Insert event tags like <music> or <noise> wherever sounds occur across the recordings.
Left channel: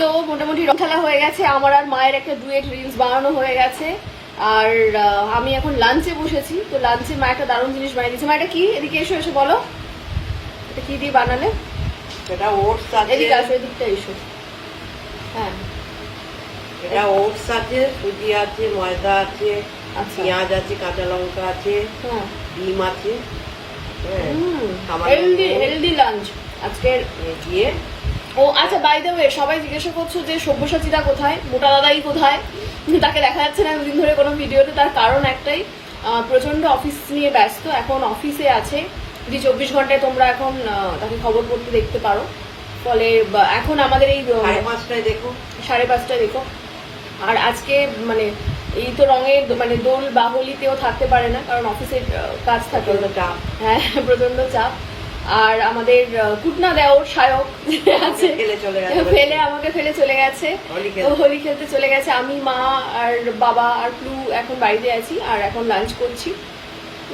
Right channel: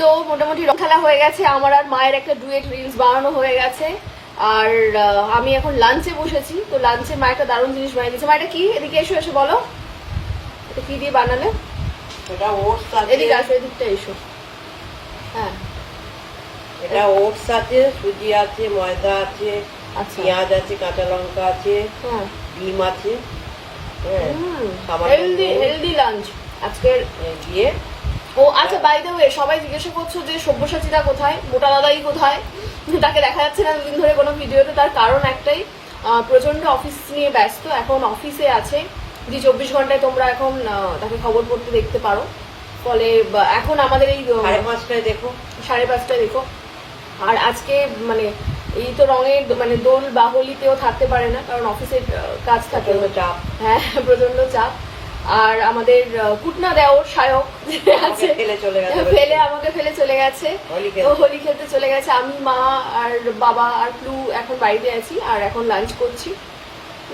তো মোটামুটি রং খেলা হয়ে গেছে। আমার আর মায়ের একটা ডুয়েট রিলস বানানো হয়ে গেছে। আর আমি এখন লাঞ্চে বসেছি। তো লাঞ্চে মা একটা দারুণ জিনিস বানিয়ে দিয়েছে। মা এটা কি? এদিকে এসো এসো বলো। এটা কি দিয়ে বানালে? এটা ওটস আছে এদিকে আসো এদিকটা এসো। হ্যাঁ। এটা ওটস আছে সুজি আছে ময়দা আছে আচ্ছা। পেঁয়াজ আছে কাঁচা লঙ্কা আছে হ্যাঁ। ডিম আছে। হেলদি হেলদি লাঞ্চ আজকের দিয়ে ও আচ্ছা বাই দ্য ওয়ে সবাই জিজ্ঞাসা করছ যে সব্যসাচীদা কোথায়? মোটা দাদাই কোথায়? তাকে দেখা যাচ্ছে না দুদিন ধরে কোনো ভিডিওতে তার কারণ একটাই। প্রচণ্ড অফিস নিয়ে ব্যস্ত এখন অফিসে আছে। যে চব্বিশ ঘন্টায় তোমরা এখন তাকে খবর পড়তে দেখতে পারো। ফলে এখন আমাদের এই পাঁচটায় দেখো। সাড়ে পাঁচটায় দেখো। আর আজকে মানে এই তো রঙে মানে দোল বাহলিতেও থাকতে পারে না কারণ অফিসের কাজ থাকে। চাপ। হ্যাঁ প্রচণ্ড চাপ। আর আমাদের কুটনা দেওর সায়ক আছে ফেলে চলে গেছে ফেলে আমাকে ফেলে চলে গেছে। হোলি খেলতে। চলে গেছে। আমি মা আর বাবা আর প্লু এখন বাড়িতে আছি আর এখন লাঞ্চ করছি।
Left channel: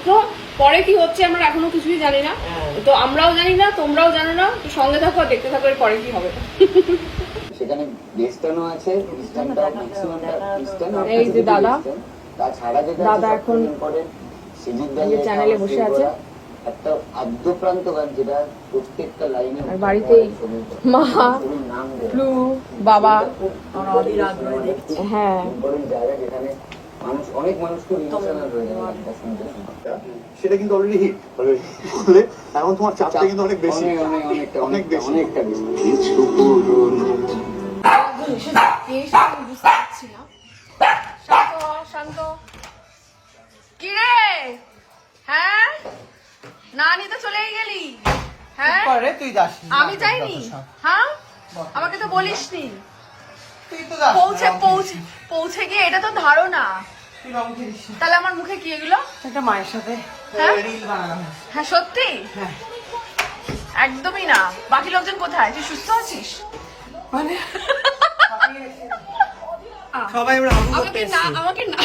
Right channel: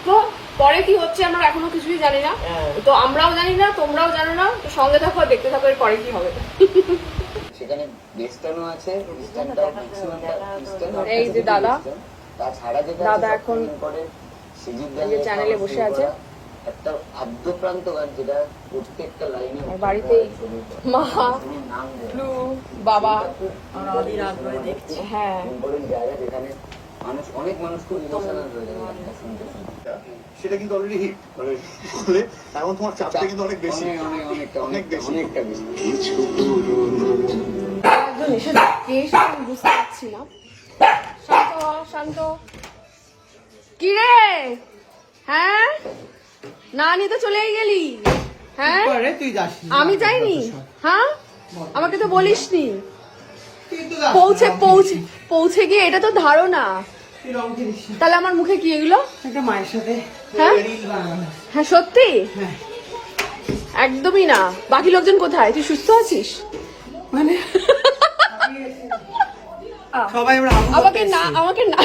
তো পরে কি হচ্ছে আমরা এখনও কিছুই জানি না। হ্যাঁ। তো আমরাও জানি না তোমরাও জানো না। তো সঙ্গে থাকো দেখতে থাকো পরে কি হবে। সেখানে ওয়েস্টার্নও আছে খ্রিস্টানটা ম্যাক্সিমামটা খ্রিস্টান এই যে দাদা। তাছাড়া যেটা দাদা আছে এখন ইম্পর্টেন্ট এই চ্যানেলে বসে আছে। একটা আদ্যপ্রান্ত গান যেটা প্রত্যেকটা লাইনে বাড়িতে মা বাবা হ্যাঁ জায়গা যেখানে মানুষ অনেক মানুষ খুব ইমোশনাল হয়ে যাবে সেটা কিন্তু অলরেডি হিট এখন তোমার চাপটা কিন্তু অনেক বেশি। অনেক অনেক অনেকটা অনেক বেশি। অনেকটা বেশি। না আমি তো চলে গেলি। হ্যাঁ? তুই আমি যাইনি। হ্যাঁ? আমাকে তো বলিসনি। পৌঁছে পৌঁছে পৌঁছে গিয়ে এটা তো ধারণা। তাহলে আমার মুখে কি এগুলো? মায়ের সাথে হ্যাঁ? হয়। সত্যি? হ্যাঁ। একদমই না। বাকি লোকজন কোথায়? তুই সুস্থ আছিস? মানে? <laughs> আমাকে না আমাকে না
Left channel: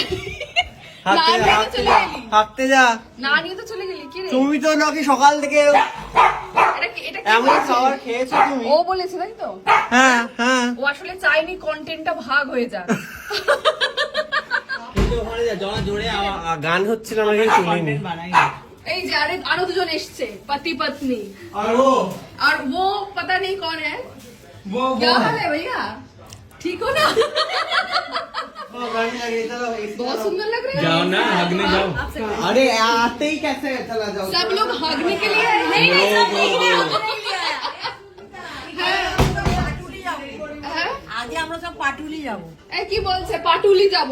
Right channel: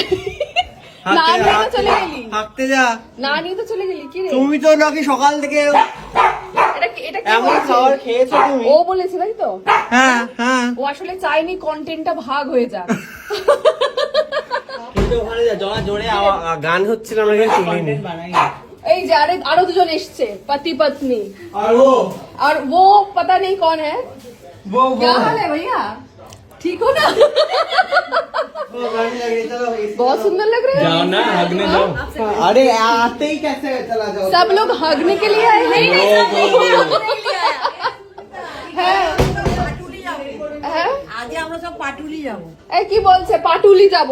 না হাঁটতে নিয়ে তো হাঁটতে চলে যা গেলি হাঁটতে যা না নিয়ে তো চলে গেলি কি রে তুমি তো নাকি সকাল থেকে এটা কি- এটা কি এমন বলছে? খাবার খেয়েছো তুমি ও বলেছে তাই তো হ্যাঁ হ্যাঁ ও আসলে চাইনি কন্টেন্টটা ভাগ হয়ে যাক কিন্তু ওখানে যা জোরে জোরে আওয়া- গান হচ্ছিল আমরা কিন্তু শুনিনি এই যে আরে আরো দুজন এসছে পতি পত্নী আর ও और वो पता नहीं कौन है वो क्या हाल है भैया ठीक हो ना वो गाड़ी लगी चलो इस- बहुत सुंदर लग रहे हो ना हगने जाओ अरे आते ही कैसे चला जाओ सब लोग हगने के लिए आए हैं হ্যাঁ হ্যাঁ আগে আমরা সব পাটুলি যাবো এই কি বলছে পাটুলি যাব